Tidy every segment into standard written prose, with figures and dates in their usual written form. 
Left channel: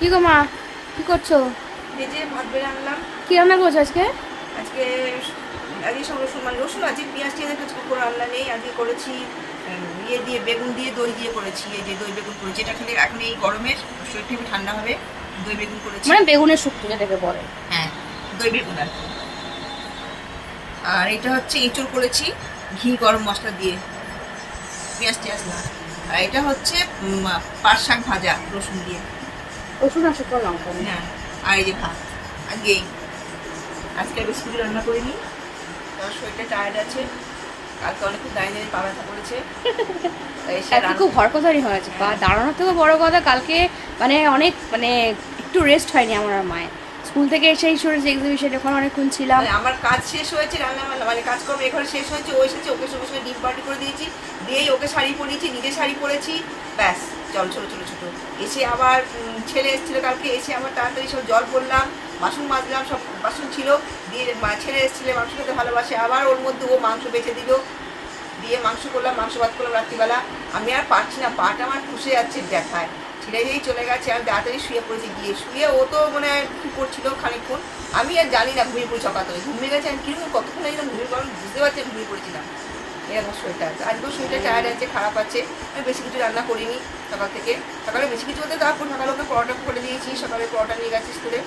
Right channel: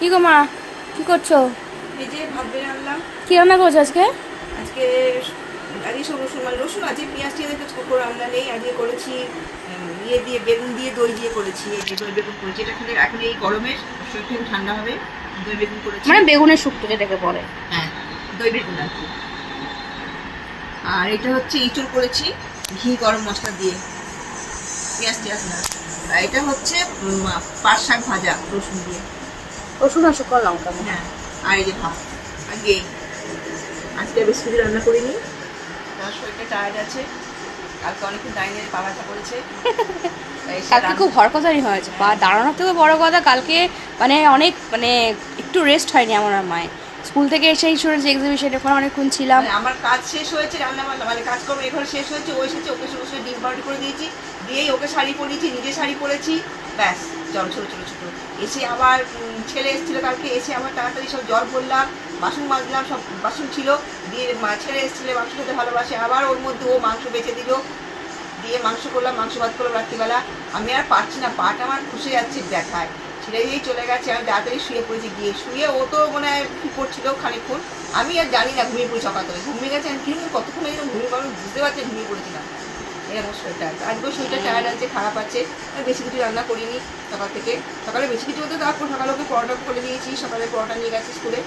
কি গো মা, কি করছো? এই যে ভাত বেড়ে আনলাম। কি রান্না করছো আজকে? আজকে আজকে সব রসুন মানে রসুন আছে, পেঁয়াজ টিয়াজ কিছু করে রান্না নেই। আজকে করেছি ইয়ে দিয়ে, বেগুন দিয়ে, দই দিয়ে করেছি। এই যে দই বেগুন করেছি, এটা খালি এখন এই গরমে শরীরটা একটু ঠান্ডা হবে। দই বেগুন করেছি। মানে বেগুনের শুক্তো যেটাকে বলে। হ্যাঁ, দই বেগুন আর কি। আর এটা হচ্ছে ইঁচড় করেছি ঘি গরম মশলা দিয়ে, পেঁয়াজ টিয়াজ না। আর এটা হচ্ছে পাট শাক ভাজা রসুন দিয়ে। রসুন আর শুকনো লঙ্কা। হ্যাঁ, আর এই যে ভাত। আজকে আজকে বেশি কিছু রান্না করিনি, আমার শরীরটা টায়ার্ড আছে। কালকে অনেকক্ষণ দাঁড়িয়ে পা ব্যথা করেছে। কালকে খুব হরকতারি হয়েছে, পা দাঁড়ানোর থেকে বড় কথা কালকে মানে অনেক মানে একটু রেস্ট হয়নি আমার আর মায়ের। স্কুল থেকে এসেই শুনেছি এক্সিবিশন, ওখানে অনেকক্ষণ ছিলাম। আমার কাজ শেষ হয়েছে, রান্না বান্না মানে কাজকর্ম এখানে শেষ হয়েছে। ও এসেছে, ওকে সঙ্গে সঙ্গে ডিম পাউডার করে দিয়েছি, দিয়েই ওকে শাড়ি পরিয়েছি, নিজে শাড়ি পরেছি, ব্যাস। জল ছোটো ছোটো ছোটো এসে আবার ছেলে এসেছিলো কালকে, এসে আবার তাড়াতাড়ি সব জল ভরলাম, বাসন মাজলাম, সব বাসন ছিল। দিয়ে ছেলে এসেছিলো, মাংস খেতে ভালোবাসে, আবার ওর মধ্যে ও মাংস বেঁচে দিল, দিয়ে মাংস করলাম, মাংস ভাত করলাম রাত্রিবেলা। আমি আর পারছি না, পাটা আমার খুশে যাচ্ছে ব্যথায়। ছেলেই চলে গেছে, আমি তাড়াতাড়ি শুয়ে পড়েছি। গিয়ে শুয়ে ও তো মানে কী করছিল খানিকক্ষণ, আমি আর জানি না, ঘুমিয়ে পড়েছি। সকালে ঘুমিয়ে গেছে, আমি কিরকম কতক্ষণ একদম ঘুমিয়ে পড়লাম বুঝতে পারছি, ঘুমিয়ে পড়েছিলাম। এরকম শরীরটা আছে, আজকেও শরীরটা টায়ার্ড আছে, খারাপ আছে। আমি বেশি কিছু রান্না করিনি সকাল থেকে। সকালে বেশি কিছু বলতে তারপর সকালে ওকে পরোটা করে দিয়েছি, সকালে পরোটা নিয়ে গেছি স্কুলে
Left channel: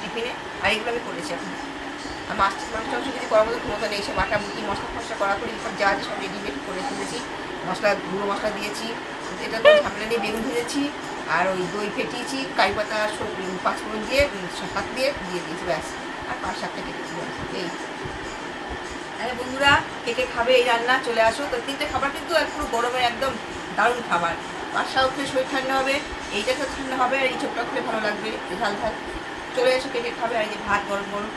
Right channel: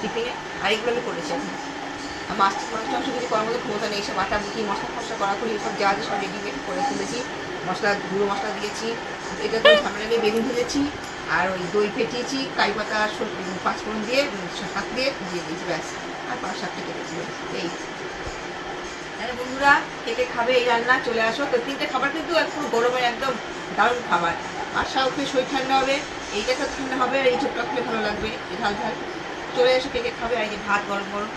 টিফিনে। আর এগুলো আমি করেছি এখন। আর মাছ টাংস কিছু করার মতো ক্ষমতা নেই, সব বাটা বুটি মশলা ফসলা করা করি সব যা সব রেডিমেড করে তুলেছি। মশলা গুঁড়ো মশলা দিয়েছি, এটা তো ঝামেলা নিয়ে বেগুন ভেজেছি, আর ওই দই ফেটিয়েছি, কাই পাতা পাঁচফোড়ন দিয়ে হাত দিয়ে দিয়েছি, ব্যাস। আর 5-7টা কেটেছি, ব্যাস। এই বন্ধুরা, কে কে খাবে এই রান্না চলে আসো। তো 3টে খাবার কিন্তু একটু গরমের একদম দারুণ খাবার। বাসা উঠলে শরীর ঠান্ডা হবে, এইটা তো ঠান্ডা হবে, আর এই ছোটটা খেলে ভালো লাগবে, এই ঝাল ঝাল। চলে এসো, কে কে খাবে। আর এই যে ভাত গরম গরম,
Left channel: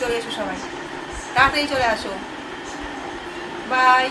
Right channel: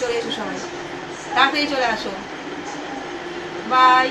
চলে এসো সবাই, তাড়াতাড়ি চলে আসো। বাই।